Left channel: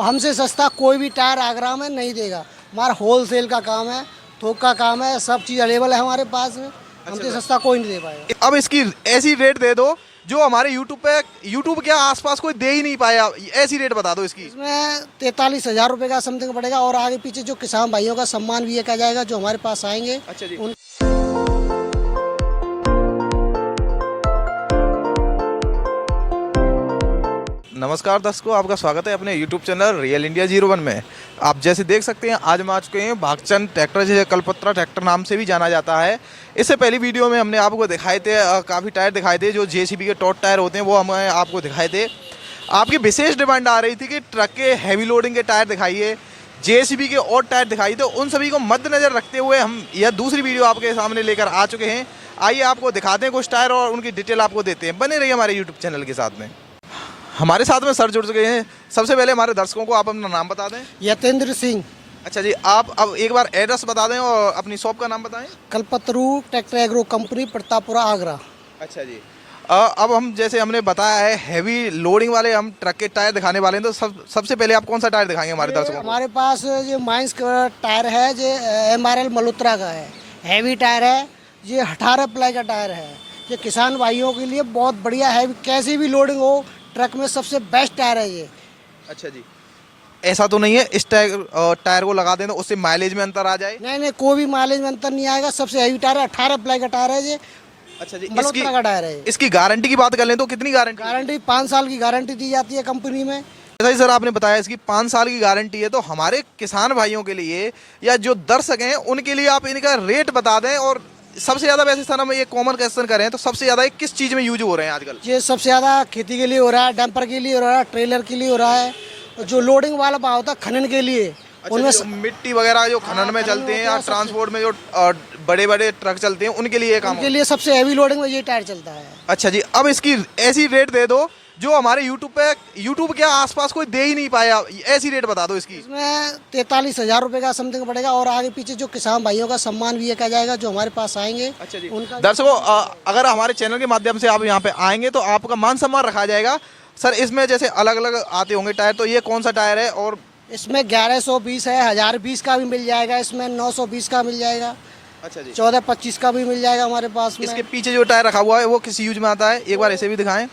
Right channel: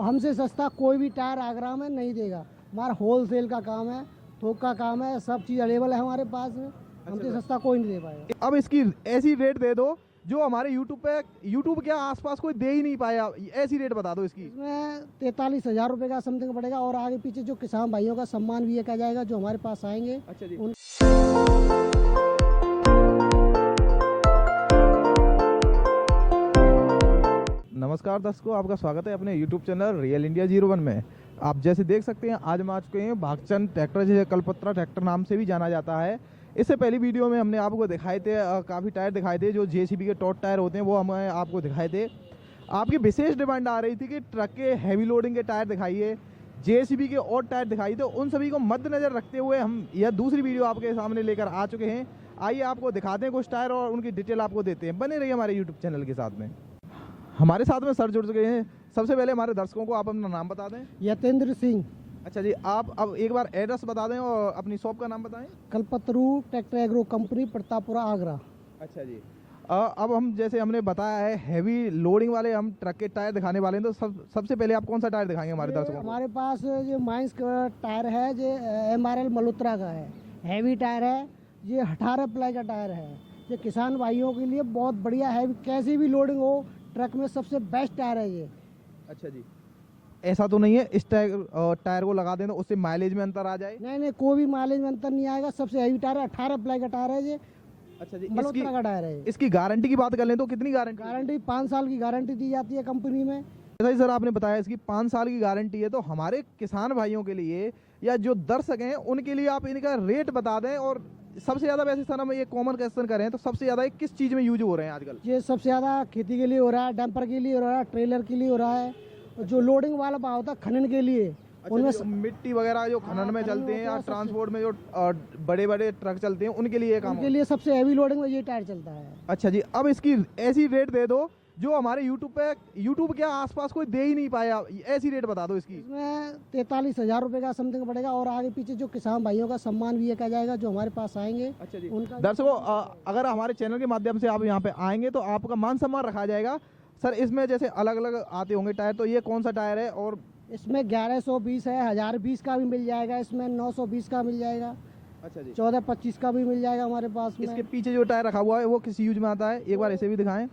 और हमसे सस्ता कोई भी टायर आगरा में नहीं देगा। हमारा होल सेल का काम है, थोक का काम है, सब चीज़ अवेलेबल है हमारे पास में। हमसे सस्ता कोई नहीं दे पाएगा। अब इसकी ऐसी रेट दे दो जो हमारे यूट्यूब के आसपास कोई दे ही नहीं पाया, ऐसी रेट बता दो इसकी। इसमें 43,000 रुपये का समथिंग पड़ेगा और आगे पीछे जो किसान भाइयों का सम्मान भी किया जाएगा जो हमारे पास आएंगे। अच्छा जी। उन नमस्कार दर्शकों, आपका स्वागत है अपने YouTube चैनल रियल इंडिया 01 में। आप जैसे देख सकते हैं आज हम आ चुके हैं भागचंद ट्रैक्टर, जिसे कलपत्रा ट्रैक्टर नाम से भी जाना जाता है। इससे पहली वीडियो में हमने आपको दिखाए थे काफ़ी टायर दिखाए थे जो JCB के टॉट टायर होते हैं, वो हमें आपको दिखाए थे। आपकी विशेष डिमांड आ रही थी कि ट्रक के हैवी लोडिंग के टायर दिखाइए, JCB के और टायर दिखाइए, तो उन सभी को मद्देनजर रखते हुए हम यह दूसरी वीडियो आपके सामने लेकर आ चुके हैं। आइए आपको दिखाते हैं कुछ टायर और उनकी डिटेल आपको देते हैं। बने रहिए हमारे यूट्यूब चैनल के साथ में। हमारे साथ में सर जुड़ चुके हैं। सबसे पहले हमारे दर्शकों को आप अपना नाम बता दें। यतेंद्र सिंह। अच्छा जी, आप अब एक बार एड्रेस बता दें और अपनी शॉप का नाम बताएं। Kalpataru tractor agro company, Pratappura, Agra. अच्छा जी। अब हम जैसे हमने बताया है हैवी लोडिंग वाले हम ट्रक के टायर दिखाने वाले हैं, तो सबसे पहले आप कौन सा टायर दिखाएंगे हमारे दर्शकों को? हमारे पास जो माइंस का टायर है जो MRL मल्होत्रा का है, हैवी टायर है। ये 18 प्लाई का टायर है। ये किसान भाइयों के लिए बहुत बढ़िया है, कैसी भी लोडिंग हो ट्रक में सबसे बेस्ट टायर है ये। अच्छा जी, ऐसा तो नहीं है इस टायर को लगा दें तो उससे माइलेज में अंतर आ जाए? नहीं, कोई भी माइलेज में अंतर नहीं आएगा। सबसे हैवी टायर है, 18 प्लाई का टायर है ये। अच्छा जी, मल्होत्रा का टायर है। इसकी गारंटी की बात कर लें तो कितनी गारंटी 5 साल की गारंटी दी जाती है कंपनी में। जैसा ही सर आपने बताया इसकी 5 साल की गारंटी है, तो हमारे किसान भाइयों के लिए या जो दर्शक हैं उनके लिए आप इनका रेट बता दें। और सबसे ज़्यादा वैसे सर हम ये कॉमन क्वेश्चन करें तो सबसे ज़्यादा किस चीज़ में यूज हो रहे हैं आजकल? ये सबसे ज़्यादा खेती के लिए हो रहा है, डंपर के लिए हो रहा है, ट्रेलर के लिए हो रहा है। और जो लोडिंग वाला भाव होता है खनन के लिए, अच्छा, उनमें मिट्टी वगैरह जो खनन में चलते हैं या ट्रांसपोर्ट में जो बड़े बड़े ट्रक चलते हैं उनके लिए काम उनके लिए सबसे हैवी लोडिंग में ये टायर चलता है। अच्छा जी, अब इसकी ऐसी रेट दे दो जो हमारे यूट्यूब के आसपास कोई दे ही नहीं पाया, ऐसी रेट बता दो इसकी। इसमें 43,000 रुपये का समथिंग पड़ेगा और आगे पीछे जो किसान भाइयों का सम्मान भी किया जाएगा जो हमारे पास आएंगे। अच्छा जी। उनका दर्शकों, अगर हमारे चैनल के माध्यम से आप यहाँ पे आएंगे तो आपका मान सम्मान रखा जाएगा। सर इसमें जैसे अलग अलग आते होंगे टायर, तो ये कौन सा टायर है? और इसमें 1120 है, 1020 का भी मिल जाएगा, इसमें 920 का मिल जाएगा। अच्छा जी, 1425 का भी मिल जाएगा हमारे पास में। इसके पीछे जो टायर रखा हुआ है वो किस यूज में आता है, एक बार ऐसे भी दिखाएं।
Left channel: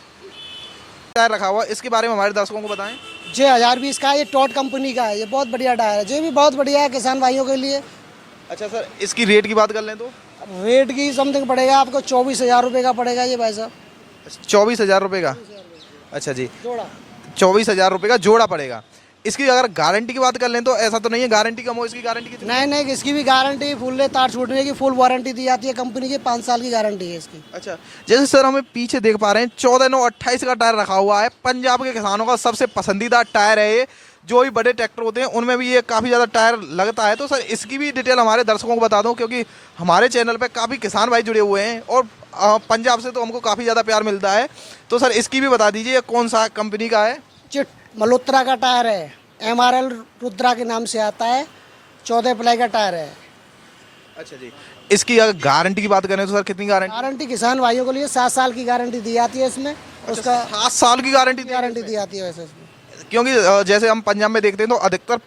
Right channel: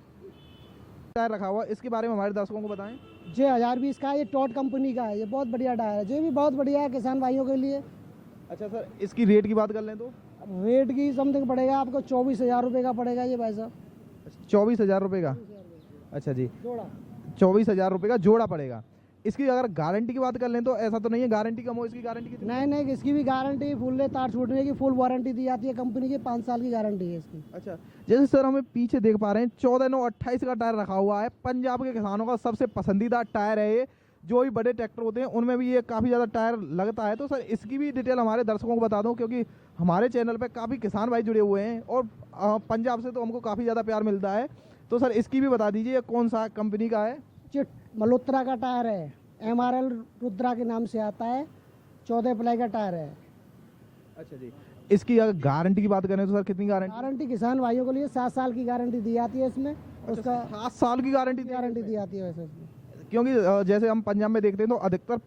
टायर रखा हुआ है, इसके बारे में हमारे दर्शकों को बताएं। ये 1020 का है, ये टॉट कंपनी का है। ये बहुत बढ़िया टायर है, ये भी बहुत बढ़िया है किसान भाइयों के लिए। अच्छा सर, इसकी रेट की बात कर लें तो? रेट की समथिंग पड़ेगा आपको 24,000 रुपये का पड़ेगा ये भाई साहब। 24,000 रुपये का? अच्छा जी, जोड़ा 24,000 रुपये का जोड़ा पड़ेगा। इसकी अगर गारंटी की बात कर लें तो ऐसा तो नहीं है गारंटी कम हो, इसकी गारंटी कितनी? नहीं, इसकी भी गारंटी फुल तार छूटने की फुल वारंटी दी जाती है कंपनी की। 5 साल की गारंटी है इसकी। अच्छा, जैसे सर हमें पीछे देख पा रहे हैं 14/9/28 का टायर रखा हुआ है। पंजाब के किसानों का सबसे पसंदीदा टायर है ये। जो भी बड़े ट्रैक्टर होते हैं उनमें भी ये काफ़ी ज़्यादा टायर लगता है। तो सर इसकी भी डिटेल हमारे दर्शकों को बता दो, क्योंकि हमारे चैनल पर काफ़ी किसान भाई जुड़े हुए हैं और पंजाब से तो हमको काफ़ी ज़्यादा प्यार मिलता है। तो सर इसकी भी बता दीजिए कौन सा कंपनी का है? चिट मल्होत्रा का टायर है, MRL रुद्रा के नाम से आता है। 14 प्लाई का टायर है। अच्छा जी, इसकी अगर गारंटी की बात करें तो सर कितनी गारंटी किसान भाइयों के लिए 7 साल की गारंटी दी जाती है इसमें। उसका 7 साल की गारंटी दी जाती है वैसे इसमें। क्योंकि जैसे हम पंजाब में देखते हैं तो अधिकतर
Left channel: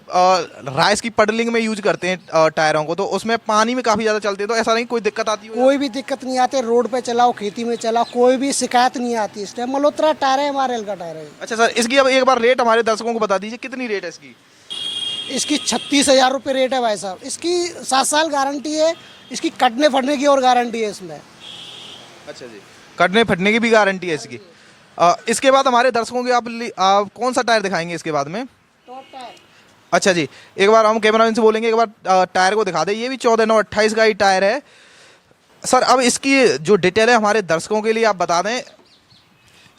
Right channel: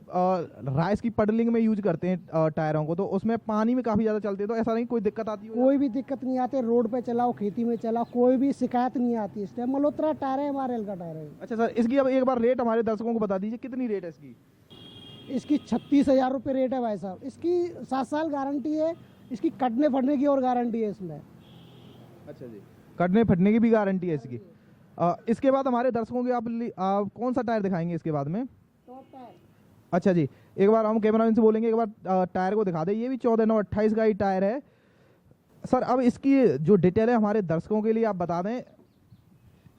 राइस की पडलिंग में यूज करते हैं टायरों को, तो उसमें पानी में काफ़ी ज़्यादा चलते हैं। तो ऐसा नहीं कोई दिक्कत आती है? कोई भी दिक्कत नहीं आती, रोड पे चलाओ, खेती में चलाओ, कोई भी शिकायत नहीं आती। इस टाइम मल्होत्रा टायर है, MRL का टायर है। अच्छा सर, इसकी अब एक बार रेट हमारे दर्शकों को बता दीजिए, कितनी रेट है इसकी? इसकी 36,000 रुपये रेट है भाई साहब। इसकी 7 साल गारंटी है। इसकी कटने फटने की और गारंटी है इसमें। अच्छा जी, कटने फटने की भी गारंटी है इसकी। इसके बाद हमारे दर्शकों के आप कौन सा टायर दिखाएंगे इसके बाद में? अच्छा जी, एक बार हम कैमरामैन से बोलेंगे एक बार टायर को दिखा दे। ये भी 14/9/28 का ही टायर है। सर अब इसकी जो डिटेल है हमारे दर्शकों के लिए आप बता दें।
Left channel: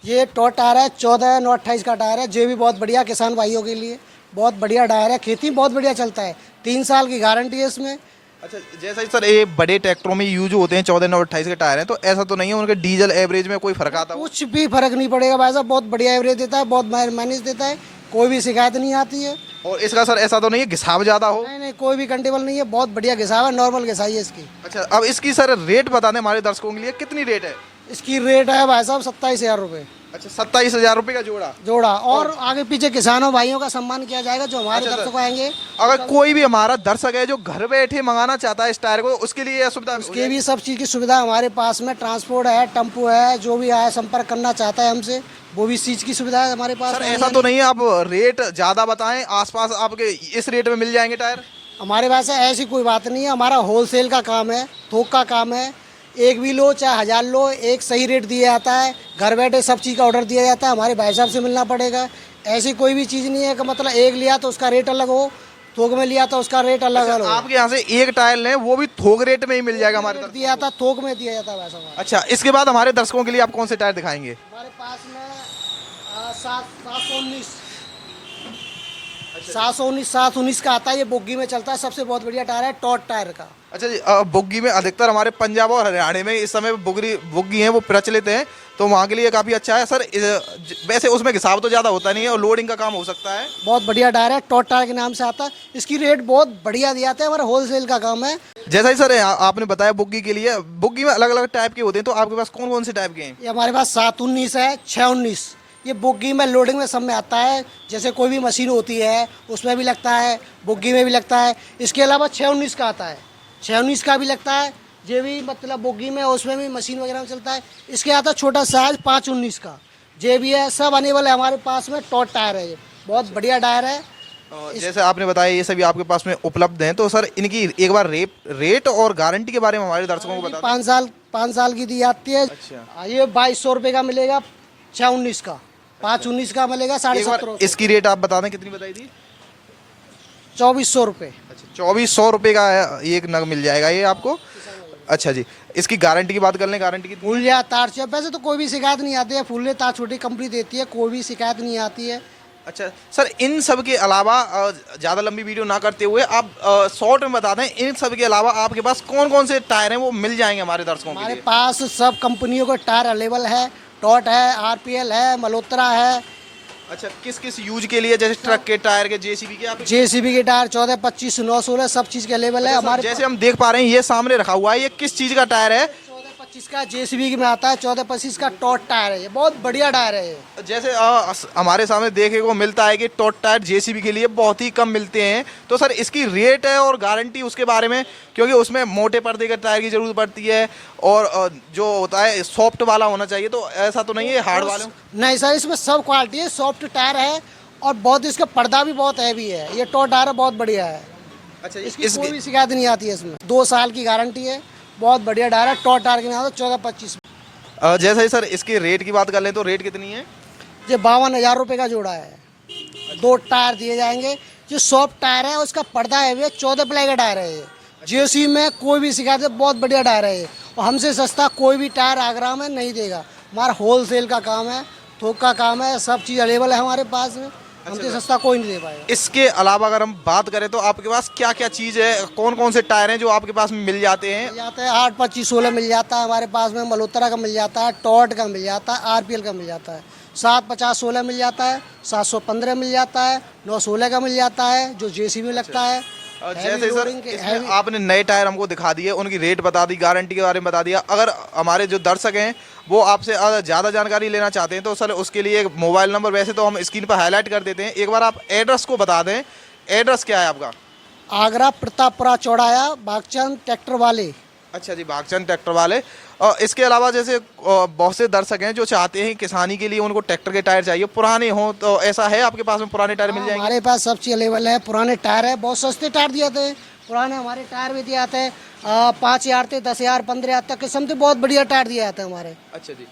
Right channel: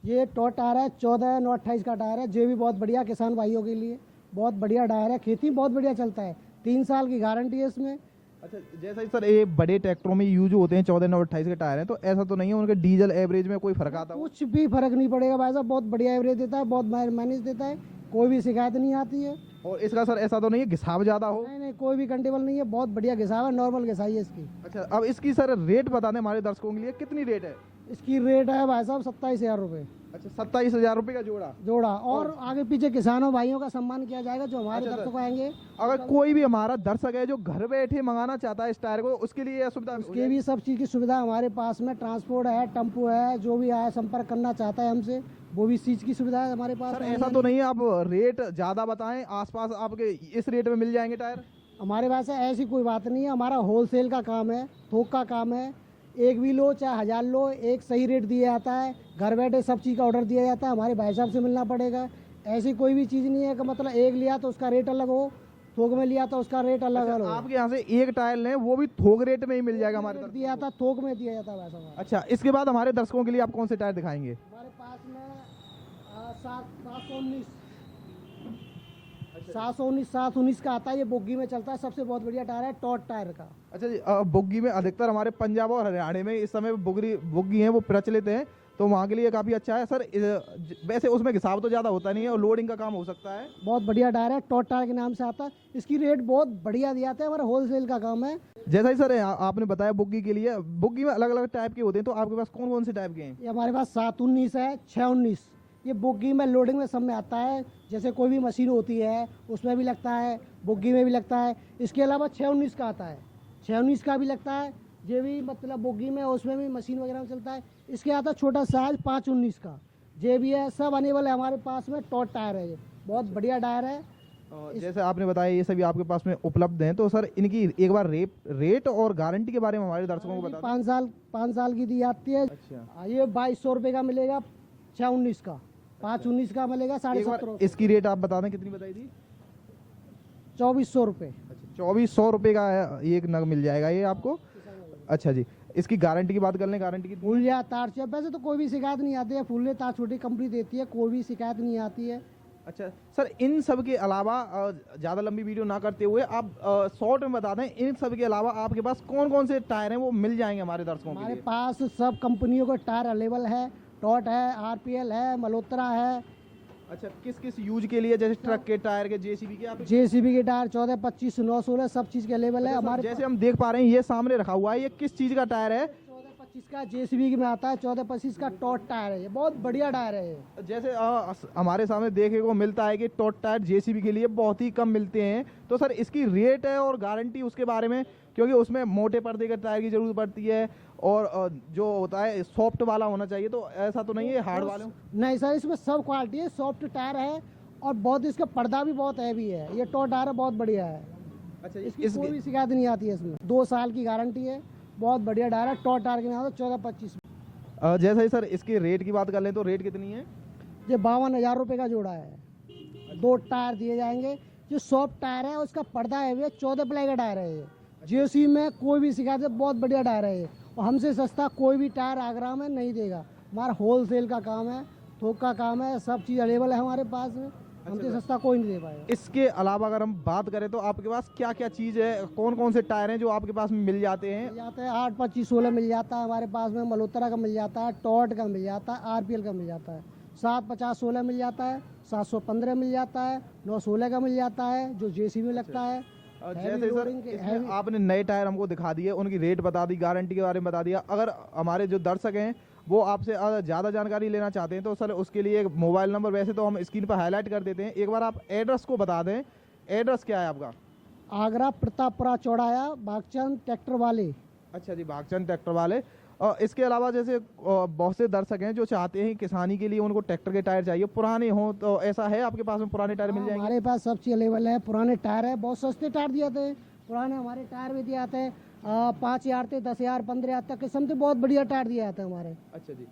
ये टॉट टायर है, 14/9/28 का टायर है। ये भी बहुत बढ़िया किसान भाइयों के लिए बहुत बढ़िया टायर है। खेती में बहुत बढ़िया चलता है। 3 साल की गारंटी है इसमें। अच्छा, जैसा ही सर ये बड़े ट्रैक्टरों में यूज होते हैं 14/9/28 के टायर हैं, तो ऐसा तो नहीं है उनके डीजल एवरेज में कोई फर्क आता है? कुछ भी फर्क नहीं पड़ेगा भाई साहब। बहुत बढ़िया एवरेज देता है, बहुत माइलेज देता है, कोई भी शिकायत नहीं आती है। और इसका सर ऐसा तो नहीं है घिसाव ज़्यादा हो? नहीं, कोई भी कंटेबल नहीं है। बहुत बढ़िया घिसाव है, नॉर्मल घिसाई है इसकी। अच्छा, अब इसकी सर रेट बता दें हमारे दर्शकों के लिए, कितनी रेट है? इसकी रेट है भाई साहब 27,000 रुपये। अच्छा, 27,000 रुपये का जोड़ा। जोड़ा। और आगे पीछे किसानों भाइयों का सम्मान किया जाएगा जो हमारे अच्छा, दर्शक आएंगे। अगर कोई भी हमारा दर्शक है जो घर बैठे मंगाना चाहता है इस टायर को, उसके लिए यह सुविधा हो उसके भी सब चीज़ की सुविधा हमारे पास में, ट्रांसपोर्ट है, टेम्पो है, जो भी आए संपर्क करना चाहता है हमसे वो भी इस चीज़ की सुविधा है हमारे पास। सर ऐसा तो नहीं है आप रेट ज़्यादा बताएं, आसपास आपके इस रेट में मिल जाएंगे टायर? हमारे पास ऐसी कोई बात नहीं है, हमारा होलसेल का काम है, थोक का काम है। एक भी लो चाहे 1000 लो, एक सही रेट दिया जाता है। घर बैठे सब चीज़ का ऑर्डर दिया जाता है, हमारे भाई साहब से मिलना पड़ेगा। ऐसी कोई भी चीज़ नहीं है कि मतलब एक लिया तो उसका रेट अलग हो, थोक में लिया तो उसका रेट अलग अलग हो। आपके यहाँ से एक टायर लें वो भी थोक रेट में ही मिल जाएगा हमारे तरफ? दिया जाता, थोक में दिया जाता है वैसा हमारा। अच्छा, इसके बाद हमारे दर्शकों के लिए आप कौन से टायर दिखाएंगे? हमारे पास में 719 719 का आता है, ये बोगी में चलता है, सबसे बहुत बढ़िया टायर है, टॉट टायर का। अच्छा जी, बुग्गी में अधिकतर हमारे पंजाब और हरियाणा में इस समय बुग्गी हैं वो प्रचलित हैं, तो वहाँ के लिए काफ़ी अच्छा है। सर वैसे उसमें घिसाव तो ज़्यादा होता नहीं है और लोडिंग का काम हो सकता है। बहुत बढ़िया टायर है, टॉट टायर के नाम से आता है। इसकी रेट बहुत बढ़िया दिया जाता है, हमारा होलसेल का काम है। जैसा ही सर आपने बताया बुग्गी के लिए, बुग्गी में अलग अलग टाइप के होते हैं, तो आपके पास कौन कौन से टाइप के हैं? ये हमारे पास 719 है, 619। ये बुग्गी में लोडिंग में सब में आता है, जैसे कोई भी मशीन होती है उसमें भी लगता है, बुग्गी में भी लगता है। इसके अलावा 619 का आता है, 619 का भी लगता है, ये भी मतलब बुग्गी में उसमें भी मशीन वगैरह में चलता है। इसके आता है छोटा साइज 519 का, ये भी है। सब अनेबल है हमारे पास में। टॉट टायर है, ये बहुत बढ़िया टायर है। जैसे आपने बताया ये सभी आपके पास में उपलब्ध हैं, तो सर इनकी एक बार रेट और गारंटी के बारे में हमारे दर्शकों को बता दें। 5 साल की दी जाती है। अच्छा, ये 2200 रुपये का मिलेगा 619 का, 519 का मिलेगा एक बार 1750। इसकी रेट आप बता दें, कितनी बताई थी? 2400 रुपये। अच्छा, 2400 रुपये का एक नग मिल जाएगा ये आपको। अच्छा जी, इसकी गारंटी की बात कर लें, गारंटी की? फूल या तार से वैसे तो कोई भी शिकायत नहीं आती है, फूल तार छोटी कंपनी देती है, कोई भी शिकायत नहीं आती है। अच्छा सर, इन सब के अलावा ज़्यादा लंबी वीडियो ना करते हुए आप शॉर्ट में बता दें, इन सब के अलावा आपके पास कौन कौन से टायर हैं वो मिल जाएंगे हमारे दर्शकों के हमारे लिए? पास सब कंपनियों के टायर अवेलेबल है। टॉट है, आरपीएल है, मल्होत्रा है। अच्छा, किस किस यूज के लिए, जैसे ट्रक के टायर के, जेसीबी के? आप जेसीबी के टायर 14, 25, 9, 16 सब चीज़ के अवेलेबल है हमारे। जैसे हम देख पा रहे हैं ये सामने रखा हुआ है, ये किस चीज़ का टायर है? 14, 25 का जेसीबी में आता है, 14, 25 का टॉट टायर है, ये बहुत बढ़िया टायर है ये। जैसे हमारे सामने देखने को मिलता है कि टॉट टायर जेसीबी के लिए बहुत ही कम मिलते हैं, तो सर इसकी रेट है और गारंटी उसके बारे में, क्योंकि उसमें मोटे पर्दे के टायर की जरूरत पड़ती है और जो होता है सॉफ्ट वाला होना चाहिए, तो ऐसा तो नहीं है हार्ड वाले? नहीं सर, इसमें सब क्वालिटी है, सॉफ्ट टायर है और बहुत इसका पर्दा भी बहुत हैवी है। ये टॉट टायर बहुत बढ़िया है। अच्छा, इसकी कोई भी शिकायत नहीं आती है। इसमें 2 साल की गारंटी है, बहुत बढ़िया टायर है। टॉट टायर के नाम 14, 25। जैसे ही सर इसके रेट की बात कर लें तो रेट कितनी है? ये 52,000 रुपये का जोड़ा है। 2 टायर दिए जाएंगे। जो सॉफ्ट टायर है उसका पर्दा है, 14 प्लाई का टायर है ये। जेसी में कोई भी शिकायत है, बहुत बढ़िया टायर है ये। और हमसे सस्ता कोई भी टायर आगरा में नहीं देगा। हमारा होलसेल का काम है, थोक का काम है, सब चीज़ अवेलेबल है हमारे पास में। हमसे सस्ता कोई नहीं दे पाएगा। इसके अलावा अगर हम बात करें तो आपके पास क्या क्या चीज़ है, कौन कौन से टायर हैं जो आपके पास मिल जाते हैं? मिल जाते हैं 8, 25, 16 मिल जाता है हमारे पास में। मल्होत्रा का मिल जाता है, टॉट का मिल जाता है, आरपीएल का मिल जाता है। 7, 50, 16 मिल जाता है, 715 मिल जाता है, 916 का मिल जाता है जो जेसी में लगता है। जैसे सर इसमें आपने नए टायर हमको दिखा दिए, उनकी रेट बता दी, गारंटी के बारे में बता दिया। अगर हमारे जो दर्शक हैं वो आपसे ज़्यादा जानकारी लेना चाहते हैं तो सर उसके लिए एक मोबाइल नंबर वैसे तो हम स्क्रीन पर हाईलाइट कर देते हैं, एक बार आप एड्रेस को बता दें। एड्रेस क्या है आपका? आगरा प्रतापपुरा चौराया, बागचंद ट्रैक्टर वाले। अच्छा जी, बागचंद ट्रैक्टर वाले। और इसके अलावा जैसे बहुत से दर्शक हैं जो चाहते हैं किसानी के लिए उनको ट्रैक्टर के टायर चाहिए, पुराने हों, तो ऐसा है आपके पास में पुराने टायर मिल जाएंगे? हमारे पास सब चीज़ अवेलेबल है। पुराने टायर है, बहुत सस्ते टायर दिए जाते हैं। पुराने हमारे टायर भी दिए जाते हैं 5,000 से 10,000, 15,000 तक किस्म से बहुत बढ़िया टायर दिए जाते हैं हमारे। अच्छा जी,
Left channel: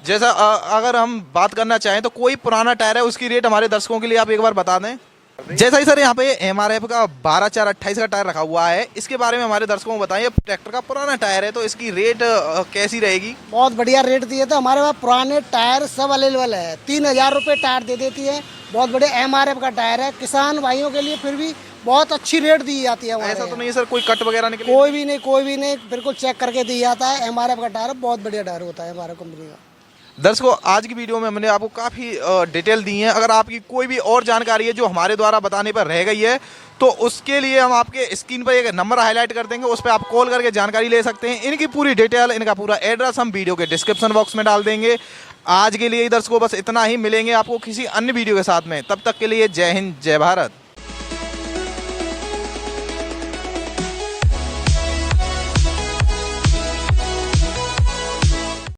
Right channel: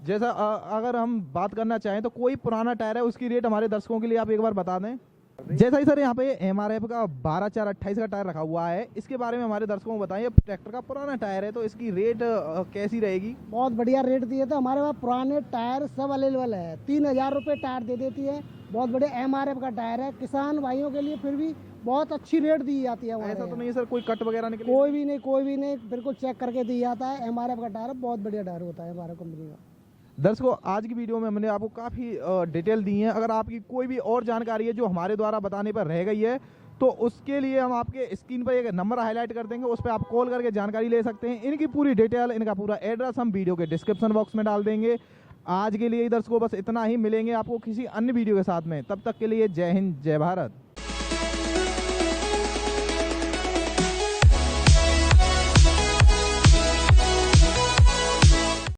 जैसा अगर हम बात करना चाहें तो कोई पुराना टायर है उसकी रेट हमारे दर्शकों के लिए आप एक बार बता दें। जैसा ही सर यहाँ पे MRF का 12/4/28 का टायर रखा हुआ है, इसके बारे में हमारे दर्शकों को बताइए। ट्रैक्टर का पुराना टायर है तो इसकी रेट कैसी रहेगी? बहुत बढ़िया रेट दिए थे हमारे पास। पुराने टायर सब अवेलेबल है। 3,000 रुपये टायर दे देती है। बहुत बढ़िया MRF का टायर है। किसान भाइयों के लिए फिर भी बहुत अच्छी रेट दी जाती है। ऐसा तो नहीं है सर कोई कट वगैरह निकले? कोई भी नहीं, कोई भी नहीं, बिल्कुल चेक करके दिया जाता है। MRF का टायर बहुत बढ़िया टायर होता है हमारा कंपनी का। दर्शकों, आज की वीडियो में हमने आपको काफ़ी डिटेल दी है। अगर आपकी कोई भी और जानकारी है जो हमारे द्वारा बताने पर रह गई है तो उसके लिए हम आपके स्क्रीन पर एक नंबर हाईलाइट कर देंगे, उस पर आप कॉल करके जानकारी ले सकते हैं। इनकी पूरी डिटेल, इनका पूरा एड्रेस हम वीडियो के डिस्क्रिप्शन बॉक्स में डाल देंगे। आज के लिए दर्शकों बस इतना ही, मिलेंगे आपको किसी अन्य वीडियो के साथ में। तब तक के लिए जय हिंद, जय भारत।